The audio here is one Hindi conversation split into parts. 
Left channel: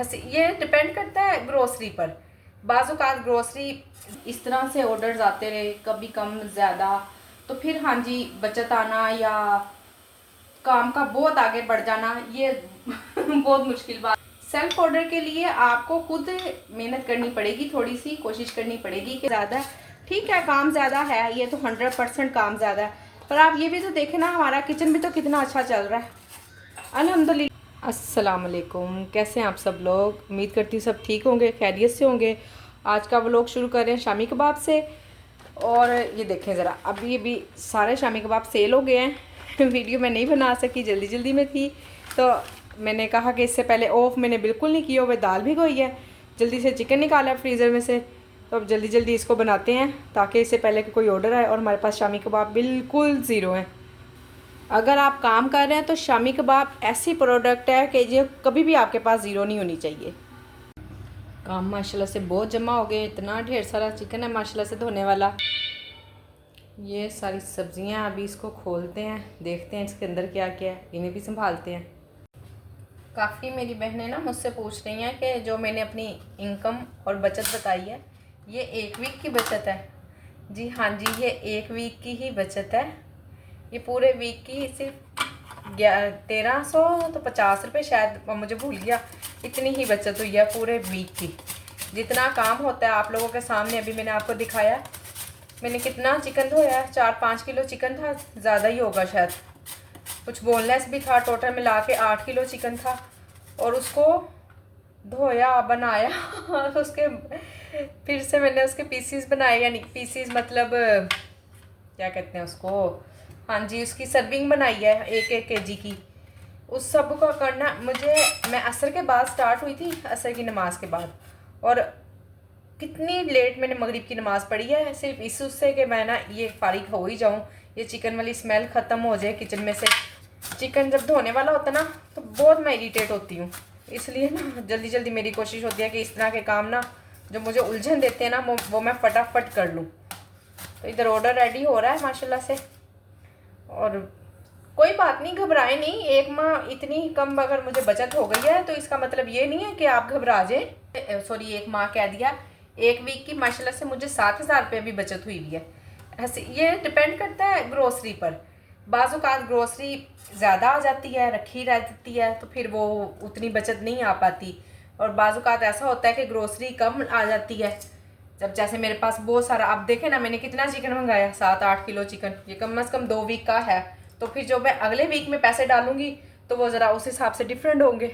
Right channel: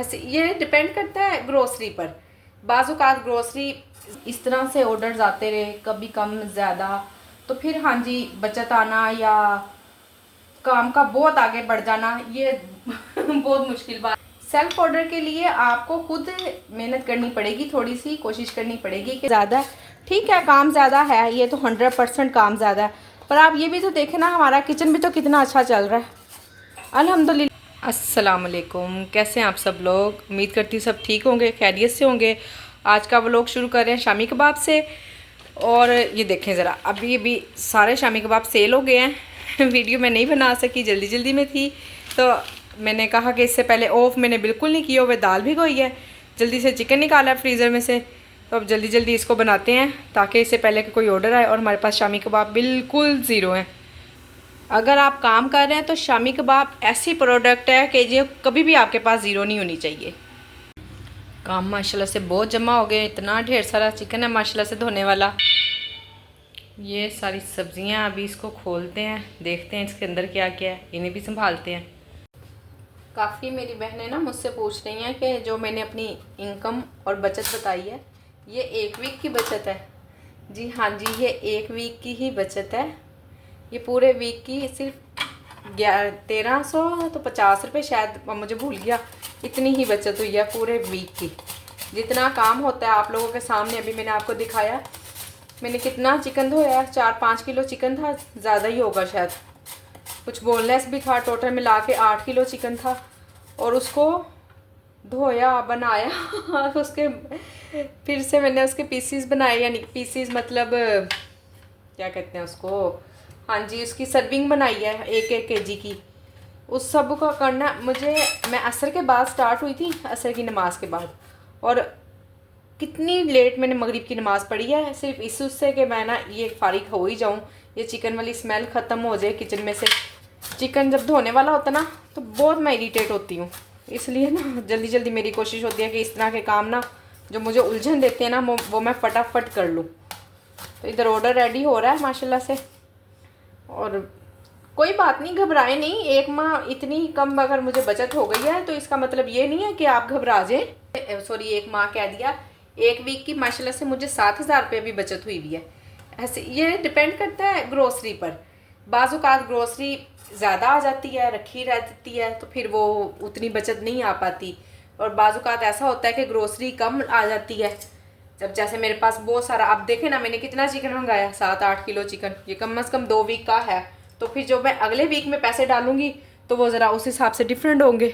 ऐसे ये डिपेंड करता है ग्रोसरी पर। बाज़-औक़ात ग्रोसरी इस तरह से ऑर्डर्स आते रहे, कभी कम ज़्यादा, तो फिर हाँ जी बचत आना या काम का बहुत आगे बढ़ जाना ये बहुत मुश्किल बात। सेल्फ ऑर्डर के लिए आपको खुद मेहनत करनी पड़ेगी, थोड़ी सी कोशिश करनी पड़ेगी कि ज़्यादा ठीक है, काम ज़्यादा है, ये तो 100% काम ज़्यादा है, पर आप ये भी तो देखें ना, हमारा किचन भी तो कितना अच्छा चल रहा है अल्हम्दुलिल्लाह। अस्सलाम वालेकुम, कैसे हैं आप सब लोग? उम्मीद करती हूँ सब ठीक होंगे, खैरियत से होंगे। आज का व्लॉग शुरू कर रहे हैं शामी कबाब से। और ये देखें ज़रा, अभी सारे शामी कबाब सेल हो गए हैं। वीडियो मैं नहीं बना सकी, जल्दी जल्दी में थी, तो मैंने कहा कि इससे पहले ऑफ मैंने बिल्कुल नहीं किया हुआ, दाल भी गई है, जल्दी से चिकन निकाला है फ्रीज़र में से, तो अब जल्दी जल्दी इसको बनाते हैं ताकि इससे पहले कि कोई ऑर्डर आए। और हमारे पास शामी कबाब बिल्कुल ज़ीरो हैं। अगर आप काम कर रहे हैं तो शामी कबाब ऐसी प्रोडक्ट है कि ये कभी भी आपके पास ज़ीरो नहीं होनी चाहिए। काम माशाल्लाह से बहुत जमा हो गए, इतना ढेर सारा चिकन है माशाल्लाह से धोने वाला। ये सारी सब्जियां, अभी इसको खोलते हैं, देखते हैं इसके अंदर क्या क्या है, इन्हें भी संभालते हैं। काफ़ी मेरी बहनें ना मुझसे पूछ रही हैं कि जो मैंने अपनी इनकम और बचत बताई है, ये 1 वीक की बचत है। जी हाँ जी, ये 1 वीक की ही बचत है। ये पूरे वीक की सिर्फ 1300 तो 50 रुपये शायद, मुझे भूल गया, इतनी ही बचत हुई है पूरे वीक की। जितना काम होता है आप लोगों के सामने अभी मैंने आपको दिखाया। मैंने कितना चिकन धोया, 4-5 किलो चिकन था, ज़्यादा ही होगा शायद, कुछ बोनलेस भी था, टोटल मिला के 8 किलो चिकन था। और उसको धोया, बनाया उसके फिर से मैंने उसके पीसीस बनाए, यानी पीसीस मतलब क्या कहते हैं उसको, हाँ जी, उसकी सर्विंग बनाई है 1-1 केजी की। उस सब का करना मुझे, मैं असर के बाद स्टार्ट हुई थी, असर की नमाज के बाद, और कितनी लेट मैंने मगरिब की नमाज़ पढ़ी है, सिर्फ इस उससे कि मैं ना ये फारिग हो ही जाऊँ, ये चिकन वाली स्मेल ख़त्म हो जाए किचन में से। चिकन जब धोने वाला होता है ना तो बहुत मैं इरीटेट होती हूँ, इसलिए ना जल्दी जल्दी मेरी कोशिश होती है कि इस तरह के काम ना जो मुझे उलझन देते हैं ना वो मैं फटाफट कर लूँ। तो इधर ऑर्डर रेडी हो रहा है माशाल्लाह से। और कोई बात नहीं, घबराए नहीं। 1 माह इतनी कम अगर मुझे बचत हो गई है तो इसका मतलब ये नहीं है कि आप घबरा जाए। सॉरी, 1 माह कह दिया, 1 वीक की माशाल्लाह से मुझे 7000 रुपये भी बचत हुई भी है। ऐसे ये डिपेंड करता है ग्रोसरी पर। बाज़-औक़ात ग्रोसरी ज़्यादा आ जाती है, रखी रह जाती है, तो फिर वो उतनी बचत नहीं आ पाती। और बाज़-औक़ात ऐसा होता है कि ग्रोसरी कम आ जाती है, जब जैसे मेरे पास बहुत सारा, आप देखें ना मैंने कितना चिकन मंगाया, 7-8 किलो चिकन, ये कम से कम 2 वीक का है। तो फिर जो मैं अगले वीक में पैसे डालूंगी तो वो ज़रा उस हिसाब से डिफरेंट होंगे।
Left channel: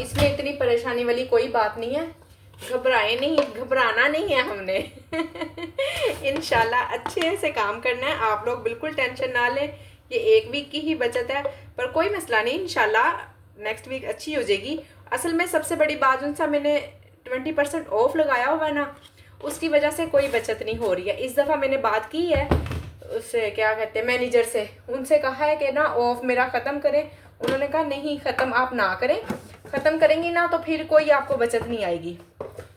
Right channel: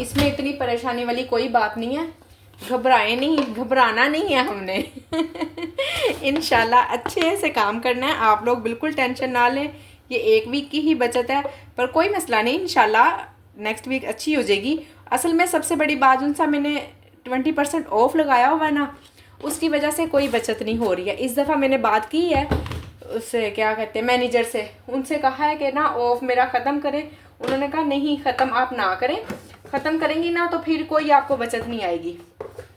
इसमें इतनी परेशानी वाली कोई बात नहीं है, घबराए नहीं, घबराना नहीं है हमने। इंशाल्लाह अच्छे से काम करना है, आप लोग बिल्कुल टेंशन ना लें। ये 1 वीक की ही बचत है, पर कोई मसला नहीं, इंशाल्लाह नेक्स्ट वीक अच्छी हो जाएगी। असल में सबसे बड़ी बात, उनसा मैंने 20% ऑफ लगाया हुआ है ना, उसकी वजह से कोई बचत नहीं हो रही है। इस दफ़ा मैंने बात की है उससे, क्या कहते हैं, मैनेजर से, उनसे कहा है कि ना ऑफ मेरा ख़त्म करें। उन्होंने कहा नहीं, ख़त्म आप ना करें, ख़त्म करेंगी ना तो फिर कोई आपको बचत नहीं आएगी,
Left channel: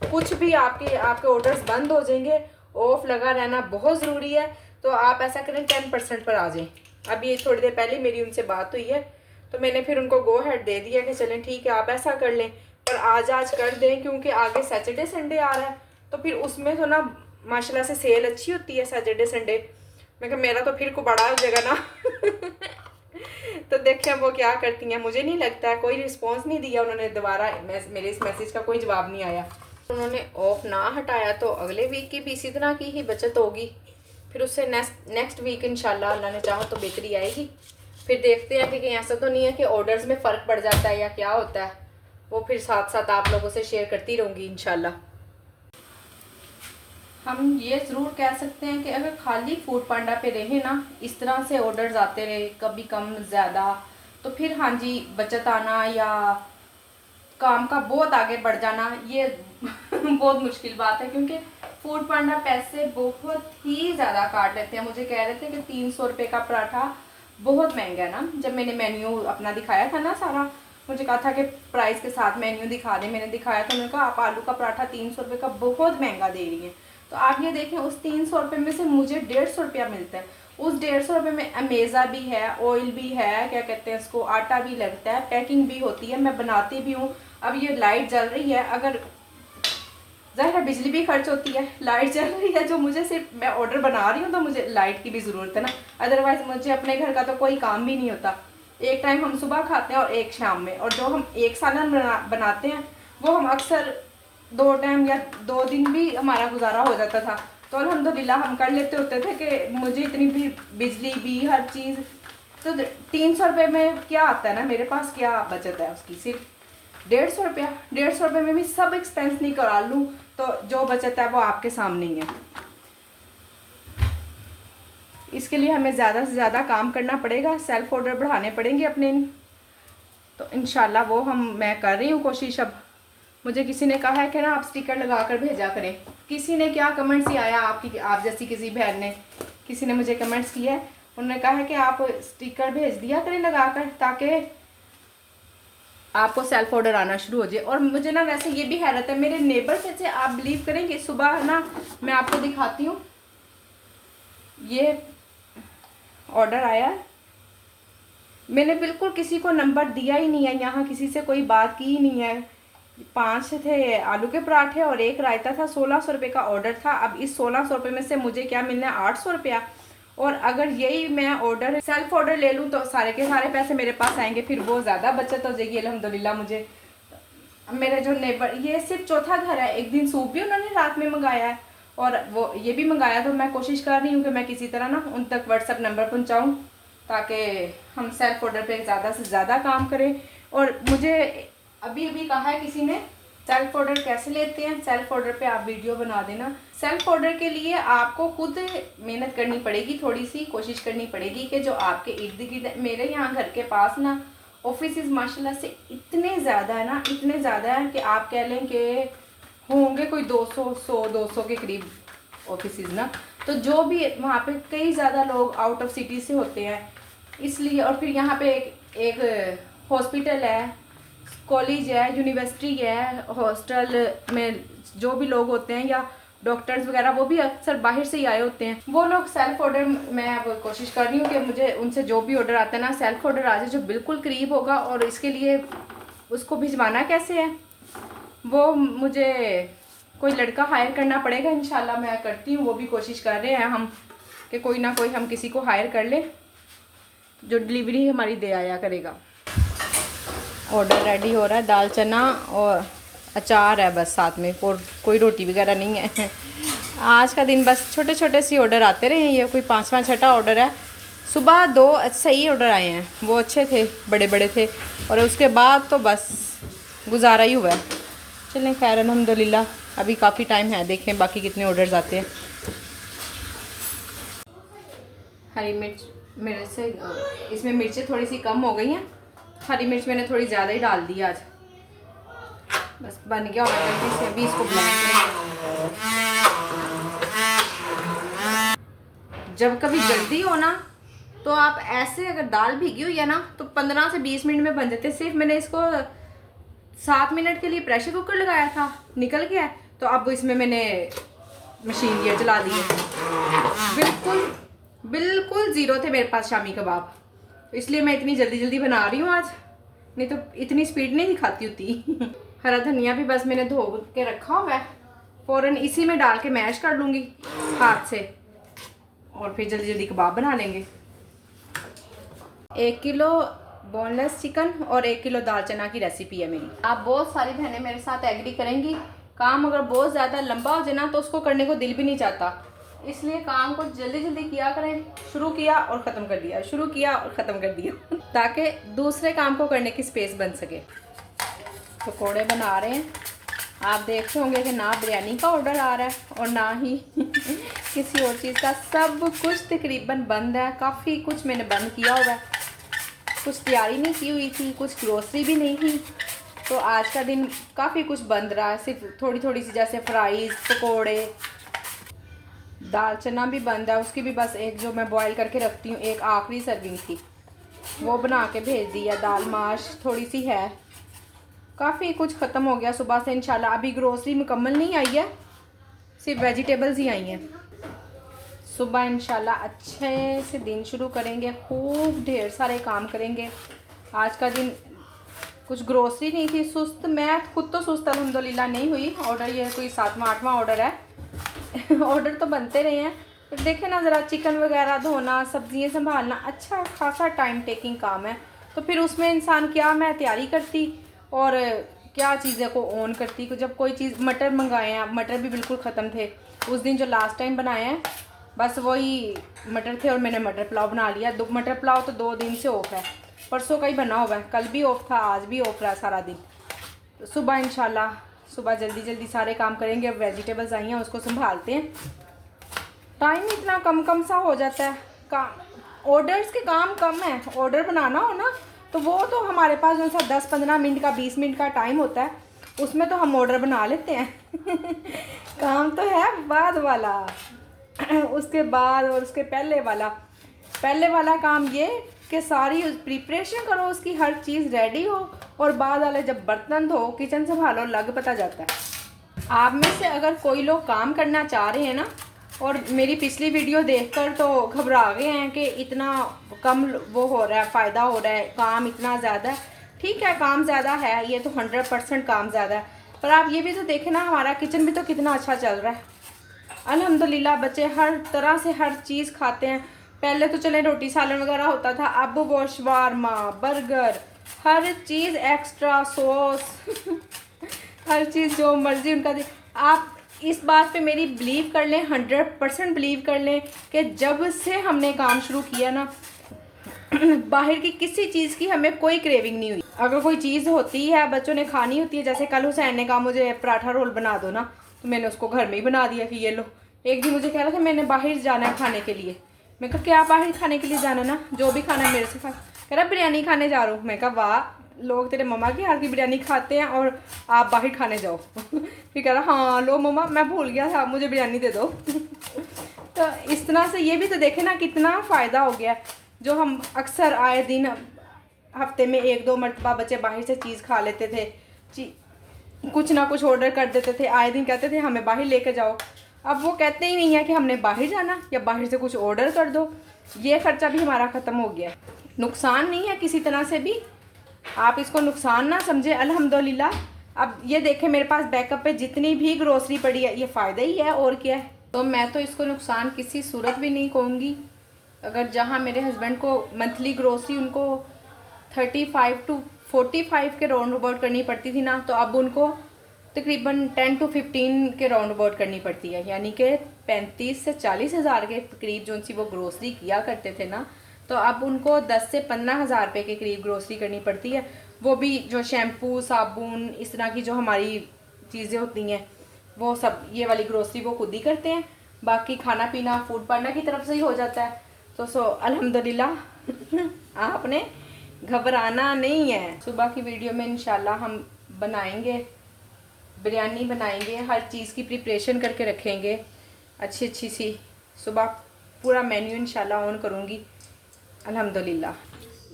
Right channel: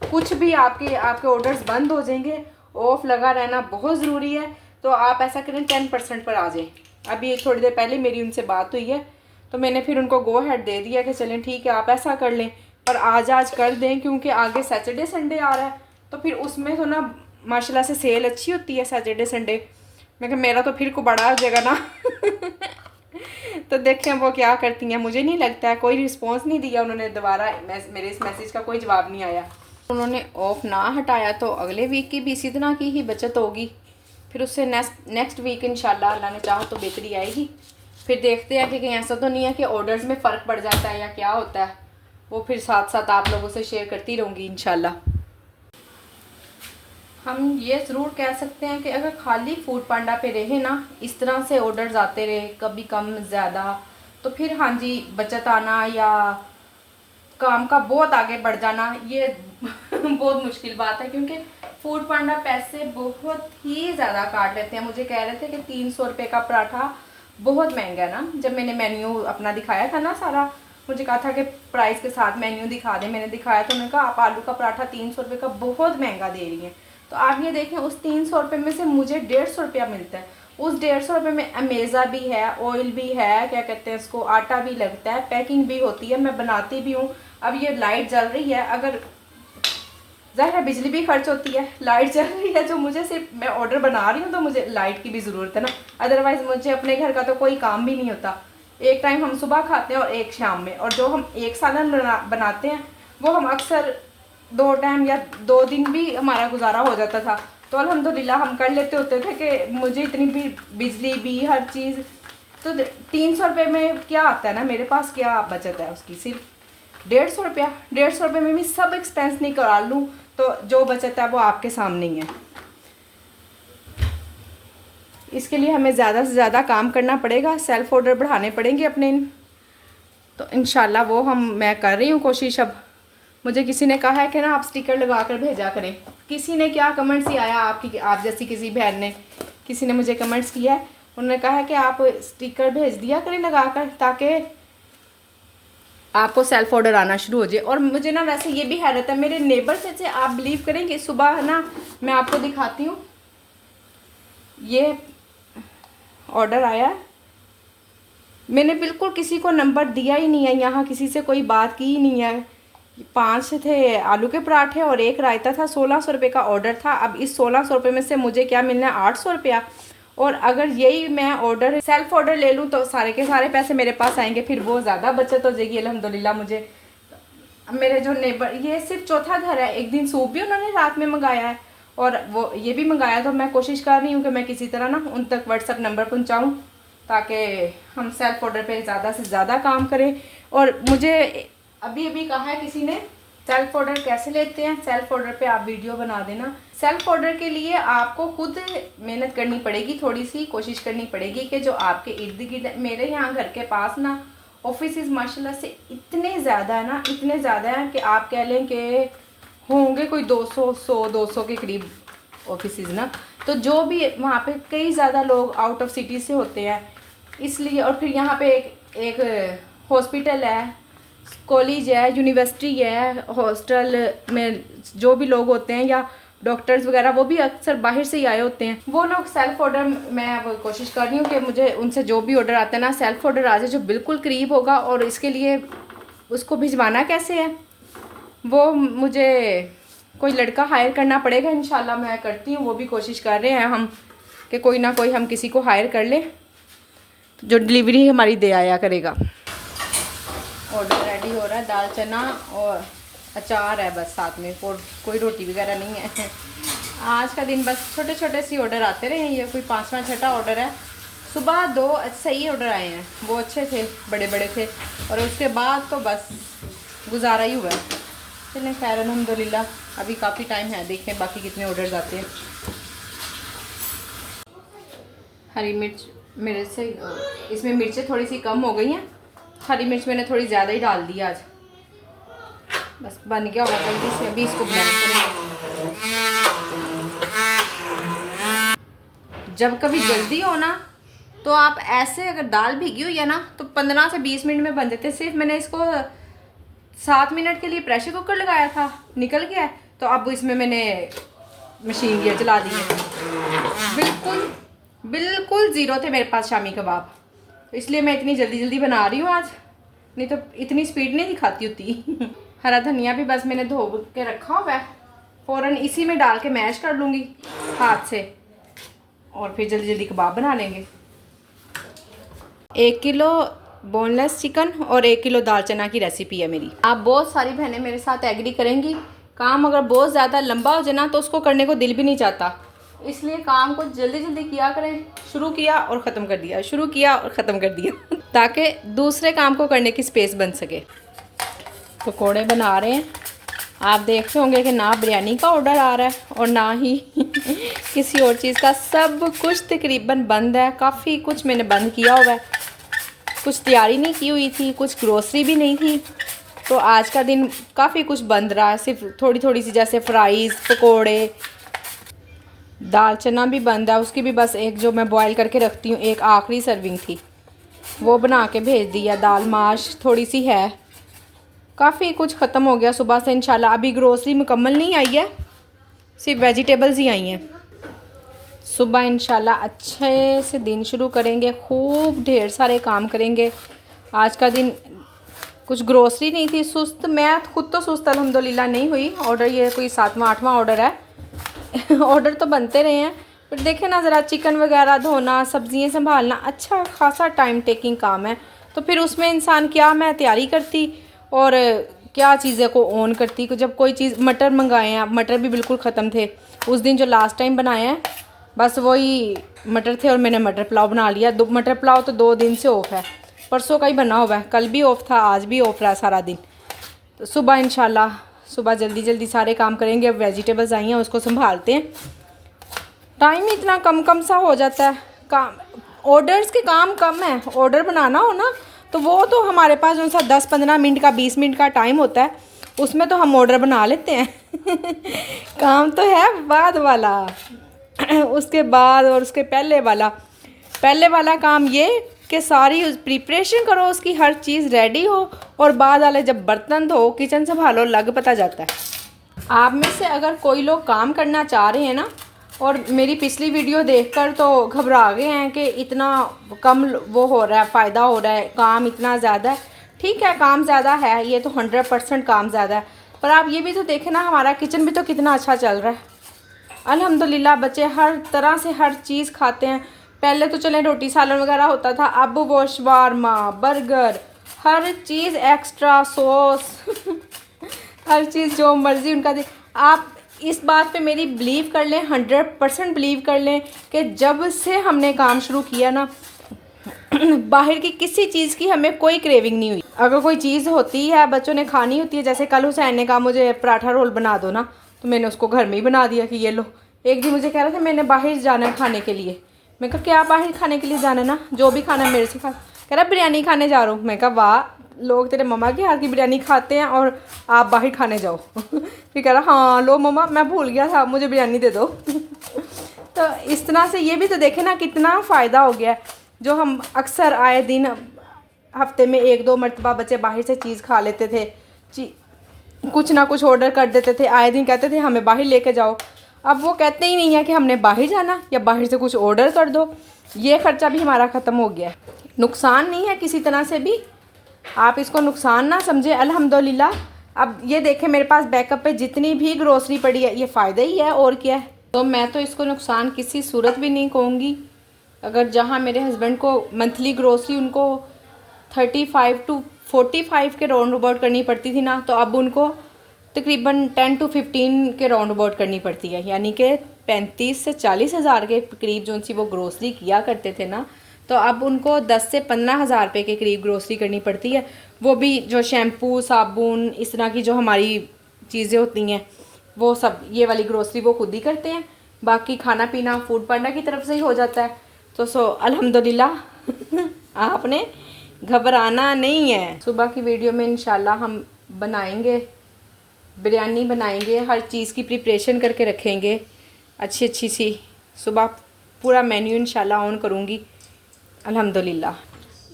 कुछ भी आपके ऑर्डर्स बंद हो जाएंगे। ऑफ लगा रहना बहुत ज़रूरी है। तो आप ऐसा करें 10% पर आ जाएं। अभी ये थोड़ी देर पहले मेरी उनसे बात हुई है, तो मैंने फिर उनको गो हेड दे दिया कि चलें ठीक है आप ऐसा कर लें, पर आज कर दें, क्योंकि आगे सैटरडे संडे आ रहा है, तो फिर उसमें तो ना माशाल्लाह से सेल अच्छी होती है सैटरडे संडे। मैं कहा मेरा तो फिर को बड़ा हो जाएगा ना। तो देखें वो क्या करती हैं। मुझे नहीं लगता है, कोई रिस्पॉन्स नहीं दिया उन्होंने, दोबारा मेरे इस मैसेज का कोई जवाब नहीं आया। उन्होंने ऑफ ना हटाया तो अगले वीक की भी इसी तरह की ही बचत होगी। फिर उससे नेक्स्ट वीक इंशाल्लाह अल्लाह ने चाहा तो बेहतरी आएगी। फिर देखते हैं कि कहीं ऐसा तो नहीं है कि ऑर्डर्स में फ़र्क पड़ जाता है या क्या होता है, वो फिर साथ साथ आप लोगों से शेयर करती रहूँगी इंशाल्लाह। हम ये ज़रूर कह सकते हैं कि अगर खाली फूड पांडा पे रहे ना, इस तरह से ऑर्डर्स आते रहे, कभी कम ज़्यादा, तो फिर हाँ जी बचत आना या काम का बहुत आगे बढ़ जाना ये बहुत मुश्किल बात है, क्योंकि फूड पांडा पैसे बहुत ही ज़्यादा काट लेते हैं। मुझे कह रहे थे कि 300 रुपये का पराठा बहुत महंगा है ना। जब मैंने मेन्यू अपना दिखाया था ना सारा, मुझे कहा था कि प्राइस के साथ मेन्यू दिखा दें, मैंने दिखाया तो उन्होंने कहा आप आलू का पराठा 300 रुपये का बहुत महंगा दे रही हैं। तो आप ये देखें, उस 300 रुपये में से मुझे 150 रुपया मिलता है, उस 150 रुपये में अमेज़ा भी है, ऑयल भी है, क्या कहते हैं उसको, आटा भी लगता है, पैकिंग भी होती है, मैं बनाती भी हूँ। अब ये लाइट जल रही है, अगर ज़ाहिर है बिजली भी खर्च होती है, लाइट जल रही है, जो मुझे सिर्फ मैं ऑर्डर बना रही हूँ तो मुझे लाइट की भी ज़रूरत है ना, अदरवाइज़ मुझे अपने घर का तो कोई काम भी नहीं होता। एक टाइम हम सुबह खाते हैं और एक शाम में, और जो हम एक सालन बनाते हैं वो हम अक्सर 2 टाइम या 2 दिन भी हमारा गुजारा हो जाता था। तो अल्हम्दुलिल्लाह हम कर लेते होते थे कि मुझे इतनी भी बिजली भी हर चीज़, तो 300 रुपये में क्या आता है ना, मेरे पास क्या बचत है उसकी, सिर्फ 150 रुपया। 150 रुपये में भी सब एक्सपेंस नहीं करा लूँ तो जो बचत है वो आपके सामने ही है। इसके लिए हमें ज़्यादा से ज़्यादा काम करना पड़ेगा, सेल्फ ऑर्डर बढ़ाने पड़ेंगे अपने, तो इंशाल्लाह वो मैं कर रही हूँ कोशिश। अब मुझे किसी ने कहा है कि ना आप स्टिकर लगा कर भेजा करें, किसी ने क्या कमेंट्स ही आया, आप जैसी किसी बहन ने, किसी ने मुझे कमेंट्स किया है, उन्होंने कहा है कि आप स्टिकर भेज दिया करें लगा कर, ताकि आपको सेल्फ ऑर्डर आना शुरू हो जाए। और मुझे ना वैसे ये भी हैरत है, मेरे नेबर से आप बिलीव करेंगे, सुबह ना मैं आपको दिखाती हूँ, ये ऑर्डर आया, मैंने बिल्कुल किसी को नंबर दिया ही नहीं है, यहाँ किसी से कोई बात की ही नहीं है। 5 थे आलू के पराठे और 1 रायता था, 1600 रुपये का ऑर्डर था। अब इस 1600 रुपये में से मुझे क्या मिलना है, 800 रुपया। और अगर यही मैं ऑर्डर सेल्फ ऑर्डर ले लूँ तो सारे के सारे पैसे मेरे पास आएंगे, फिर वो ज़्यादा बचत हो जाएगी अल्हम्दुलिल्लाह मुझे। मेरे जो नेबर, ये सिर्फ चौथा घर है, एक दिन सूप भी उन्होंने रात में मंगाया है और वो ये भी मंगाया, तो मैं कोशिश कर रही हूँ कि मैं किसी तरह ना उन तक व्हाट्सअप नंबर पहुँचाऊँ, ताकि हम सेल्फ ऑर्डर पे ज़्यादा से ज़्यादा काम करें। और मुझे अभी अभी कहा है किसी ने, सेल्फ ऑर्डर कैसे लेते हैं, सेल्फ ऑर्डर पे आप वीडियो बना देना। सेल्फ ऑर्डर के लिए आपको खुद मेहनत करनी पड़ेगी, थोड़ी सी कोशिश करनी पड़ेगी कि जो आपके इर्द गिर्द, मेरे यहाँ घर के पास ना ऑफिस माशाल्लाह से इतने ज़्यादा है ना, इतने ज़्यादा हैं कि आप कह लें कि होंगे कोई 200 के करीब ऑफिस ना। तो जो भी वहाँ पे कई ज़्यादा लोग आउट ऑफ सिटी से होते हैं, इसलिए। और फिर यहाँ पे एक हॉस्पिटल है, कॉलेज है, यूनिवर्सिटी है, हॉस्टल में जो भी लोग होते हैं या डॉक्टर्स वगैरह, वो भी अक्सर बाहर से ही आए होते हैं। वो लोग सेल्फ ऑर्डर, मैं अब कोशिश कर रही हूँ कि मुझे उनसे जो भी ऑर्डर आता है ना, सेल्फ ऑर्डर आ जाए जो बिल्कुल करीब होगा। और इसके लिए उसको भिजवाना कैसे है, वो मुझे कोई लड़का हायर करना पड़ेगा, इंशाल्लाह मैं करती हूँ, वो भी कोशिश कर रहे हैं हम कि कोई ना कोई हम किसी को हायर कर ले जो डिलीवरी हमारी दे आया करेगा। ऑर्डर रेडी हो रहा है, दाल चना और अचार है बस साथ में, और कोई रोटी वगैरह नहीं है। आज का दिन बस छोटे छोटे से ऑर्डर आते रहे हैं, ये कोई 5वां 6वां ऑर्डर है। सुबह 2 सही ऑर्डर आए हैं, वो अच्छे थे, बड़े बड़े थे, और उसके बाद तो बस गुजारा ही हुआ है। चलें खैर अल्हम्दुलिल्लाह, अभी काफ़ी टाइम है, देखें बाकी कितने ऑर्डर्स आते हैं। हरी मिर्च मेरे से, इसमें मिर्चें थोड़ी सी कम हो गई हैं, हरी मिर्च मैंने थोड़ी ज़्यादा ही डाल दी आज। बस बन गया होगा जल्दी से, अभी इसको जब कभी जल्दी हो ना तो आप ऐसे, अगर दाल भीगी हुई है ना तो 15 से 20 मिनट में बन जाते हैं। सिर्फ मैंने इसको 7 मिनट के लिए प्रेशर कुकर लगाया था, निकल गया, तो अब इसमें मैंने मशीन गियर चला दी है। बिल्कुल बिल्कुल ज़ीरो थे मेरे पास शामी कबाब, तो इसलिए मैं इतनी जल्दी जल्दी बना रही हूँ आज, नहीं तो इतनी स्पीड नहीं दिखाती होती। हरा धनिया भी बस मैंने धो के रखा हुआ है, फ़ौरन इसी में डाल के मैश कर लूँगी हाथ से, और फिर जल्दी जल्दी कबाब बना लेंगे। 1 किलो बोनलेस चिकन और 1 किलो दाल चना की रेसिपी है मेरी। आप बहुत सारी बहनें मेरे साथ एग्री करेंगी, काम अगर बहुत ज़्यादा लंबा हो जाए ना तो उसको करने को दिल भी नहीं चाहता, इसलिए काम को जल्दी जल्दी किया करें। शुरू किया और ख़त्म कर दिया, शुरू किया और ख़त्म कर दिया ताकि दूसरे काम को करने की स्पेस बन सके। पकौड़े बना रहे हैं, आप देखते होंगे कि ना बिरयानी का ऑर्डर आ रहा है और ना ही किसी और चीज़ का, सब कुछ तकरीबन बंद है। काफ़ी कुछ मैंने बंद किया हुआ है, कुछ तैयारी नहीं की हुई थी, कुछ ग्रोसरी भी नहीं थी, तो आज का दिन काफ़ी कुछ बंद रहा है। सिर्फ थोड़ी थोड़ी सी जैसे फ्राइज़, पकोड़े, दाल चना भी बंद है, उसकी भी बस एक जो मैं बॉयल करके रखती हूँ, एक आखिरी सर्विंग थी वो बना के भेज दिया। दाल माश थोड़ी सी है, काफ़ी कुछ ख़त्म हो गया सुबह से इंशाल्लाह। अभी ग्रोसरी मुकम्मल नहीं आई है, सिर्फ वेजिटेबल्स ही आई हैं। सुबह इंशाल्लाह अच्छे से दिन शुरू करेंगे, खूब ढेर सारे काम करेंगे। आज का दिन कुछ ग्रोसरी नहीं थी, सुस्त, मैं खुद तो सुस्त अल्हम्दुलिल्लाह नहीं हुई। ऑर्डर ये कोई 7वां 8वां ऑर्डर है ऑर्डर तो बनते रहे हैं, पर देखें ना ज़रा चिकन वगैरह धोना, सब्ज़ियाँ संभालना अच्छा खासा टाइम टेकिंग काम है। तो फिर उसमें इंसान क्या मैं तैयारी करती और क्या चीज़ें को ऑन करती। जब कोई चीज़, मटर मंगाए हैं, मटर भी बिल्कुल ख़त्म थे उस दिन जो लास्ट टाइम बनाए हैं, बस वही मटर थे और मैंने मटर पुलाव बना लिया। मटर पुलाव तो 2 दिन से ऑफ है, परसों का ही बना हुआ है, कल भी ऑफ था, आज भी ऑफ रहा सारा दिन। तो सुबह इंशाल्लाह सुबह जल्दी जल्दी सारे काम करेंगे। अब वेजिटेबल्स आई हैं उसको संभालते हैं, टाइम इतना कम सा हो जाता है। काम ऑर्डर्स के काम कम है, ऑर्डर बनाना हो ना तो वो तो हमारे पास जो सा 10-15 मिनट का 20 मिनट का टाइम होता है, उसमें तो हम ऑर्डर बना लेते हैं काम तो है बाद वाला उसके बाद और उसके पहले वाला काम ये कि सारी प्रिपरेशन करो, उसकी हर चीज़ रेडी हो, और बाद वाले जब बर्तन धो, किचन संभालो, लग पता जाता है। आप में से अगर कोई लोग काम करना चाह रहे हैं ना और मेरी पिछली वीडियो देखकर तो घबरा गए हैं कि इतना कम वो हो रहा है, फ़ायदा हो रहा है, काम इतना ज़्यादा है, ठीक है काम ज़्यादा है, ये तो 100% काम ज़्यादा है, पर आप ये भी तो देखें ना हमारा किचन भी तो कितना अच्छा चल रहा है अल्हम्दुलिल्लाह। बच्चे हर तरह से हर चीज़ खाते हैं। पहले तो चले रोटी सालन वगैरह होता था, अब वो शवारमा, बर्गर, हर चीज़ एक्स्ट्रा सॉस हर चीज़ जो मर्ज़ी उनका आप इस बात पे मेरी बिलीव कर लें, 100% बिलीव कर लें कि जब से हमने काम शुरू किया ना बाहर की किसी चीज़ की हमें कोई क्रेविंग नहीं हुई। अगर कोई चीज़ होती है बच्चों ने खानी होती है, जैसे कल हुसैन ने कहा मुझे पराठा रोल बना दो ना, तो मैंने उसको घर में ही बना दिया कि ये लो। एक दिन मुझे कह रहा था मैंने बाहर जाना है खाने के लिए, मैं कहा क्या बाहर खाने के लिए जाना है ना, जो भी खाना है मेरे से खा। कह रहा बिरयानी खाने जा रहा हूँ। मैं कहा वाह, लोग तेरे मम्मा के हाथ की बिरयानी खाते हैं और आप बाहर खाने जाओ फिर कह रहा हाँ लो मम्मा मैं भूल गया था, मुझे बिरयानी दे दो तो इस तरह से ये भी तो देखे ना कितना फ़ायदा हो गया। जो हम अक्सर आए दिन हफ्ते में 1-2 मरतबा बच्चे बाहर से चीज़ खा लेते थे, कुछ ना कुछ ऑर्डर कर देते थे, आए दिन कहते थे हमें बाहर लेके जाओ। अब वो कहते ही नहीं है कि हमने बाहर जाना या बाहर से कुछ ऑर्डर कर दो। ये ख़र्चा भी हमारा ख़त्म हो गया है। नुकसान नहीं है किसी तरह से भी, आप इसको नुकसान ना समझे अल्हम्दुलिल्लाह। अब ये देखें मेरे पास बैकअप पे जितनी भी ग्रोसरी पड़ी है, ये फ़ायदा ही है और क्या है। तो मैं तो इसको नुकसान किसी सूरत भी नहीं कहूँगी। अगर जहाँ मेरे हस्बैंड को मंथली ग्रोसरी उनको 35 to 45 के राउंड अबाउट करनी पड़ती थी ना, तो अब उनको तकरीबन 10 to 15 के राउंड अबाउट करनी पड़ती है, यानी कि 35 से 40 हज़ार के करीब जो सी वो ग्रोसरी किया करते थे ना, तो अब उनको 10 से 15 हज़ार रुपये के करीब ग्रोसरी करनी पड़ती है। वो भी जो शैम्पू, साबुन, इस तरह की जो हमारी चीज़ें होती हैं वो सब, ये वाली ग्रोसरी वो खुद ही करते हैं, बाकी खाना पीना फूड पांडा की तरफ से ही हो जाता है। तो अल्हम्दुलिल्लाह आपने घबराना नहीं है। सुबह की वीडियो में इंशाल्लाह हम बनाएंगे, बिरयानी बनाएंगे, हर चीज़ की प्रिपरेशन करके रखेंगे अच्छी अच्छी सी। सुबह पूरा मेन्यू इंशाल्लाह ऑन करूँगी अल्हम्दुलिल्लाह।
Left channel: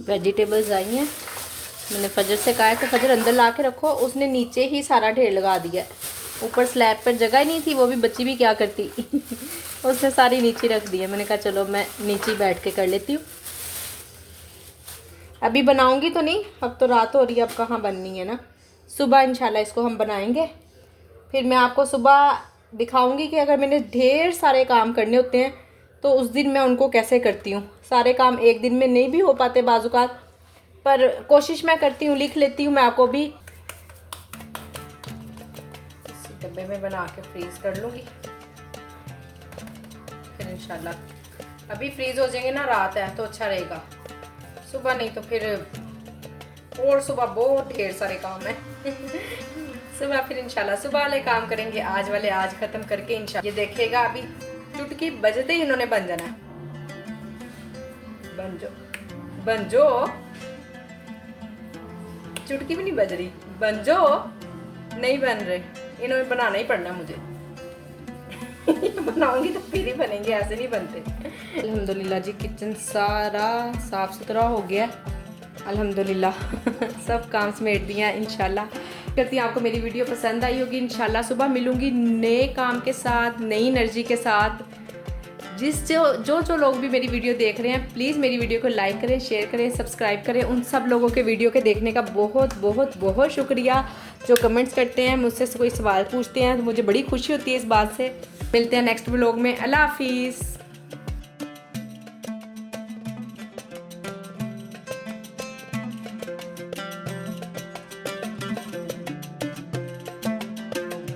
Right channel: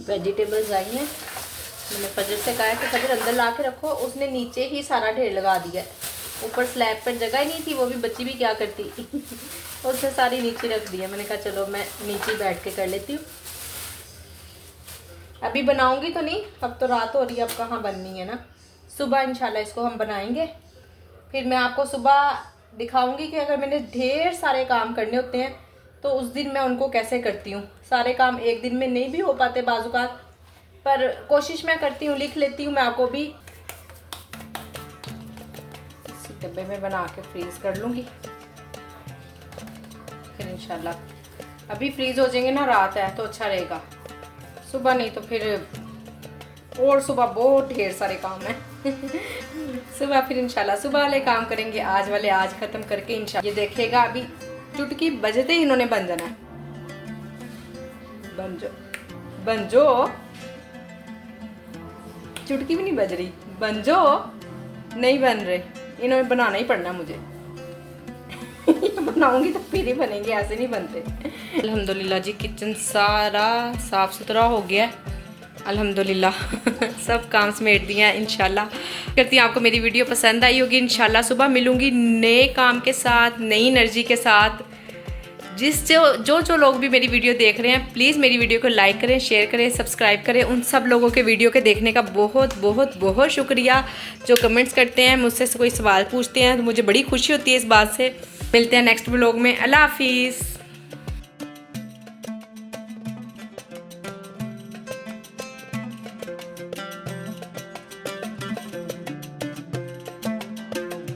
वेजिटेबल्स आई हैं, मैंने फजर से कहा है कि फजर अंदर ला के रखो, उसने नीचे ही सारा ढेर लगा दिया। ऊपर स्लैब पर जगह ही नहीं थी, वो भी बच्ची भी क्या करती उसने सारी नीचे रख दी है। मैंने कहा चलो मैं नीचे बैठ के कर लेती हूँ, अभी बनाऊंगी तो नहीं, अब तो रात हो रही है, अब कहाँ बननी है ना। सुबह इंशाल्लाह इसको हम बनाएंगे, फिर मैं आपको सुबह दिखाऊंगी कि अगर मैंने ढेर सारे काम करने होते हैं तो उस दिन मैं उनको कैसे करती हूँ। सारे काम एक दिन में नहीं भी हो पाते बाजुकात, पर कोशिश मैं करती हूँ, लिख लेती हूँ मैं आपको भी। इसी डब्बे में बना के फ्रीज कर लूँगी, फिर इंशाल्लाह अभी फ्रीज हो जाएंगे ना, रात है तो अच्छा रहेगा, सुबह नहीं तो फिर और सुबह बहुत ढेर सारे काम है सुबह फिर इंशाल्लाह सुबह वाले काम करेंगे, आज वाले आज ख़त्म करके इंशाल्लाह। ये देखेगा अभी चुटकी बजते ही इन्होंने बन जाना है। बन जो चुटकी भी नहीं बज रही, बन जो नहीं बन रहे, इन्होंने बनाना ही पड़ना मुझे बनाऊंगी तो फिर ही बनेंगे, ऐसे नहीं बनते। अल्हम्दुलिल्लाह जी किचन सारा साफ़ सुथरा हो गया अल्हम्दुलिल्लाह सब काम समेट दिया है। इंशाल्लाह करती हूँ आपको मेरी वीडियो पसंद आई होगी। इंशाल्लाह सुबह मिलूंगी नए काम के साथ, नई एनर्जी के साथ। जो लोग भी मेरी वीडियो देख रहे हैं प्लीज़ मेरी वीडियो को लाइक करें, शेयर करें, सब्सक्राइब करें। उन सब लोगों के वीडियो के देखने का बहुत बहुत बहुत शुक्रिया। जो कमेंट्स करते हैं, मुझसे कोई सवाल पूछते हैं, तो मुझे बड़ी खुशी होती है इस बात से। मिलते हैं नेक्स्ट व्लॉग में। अल्लाह हाफिज़।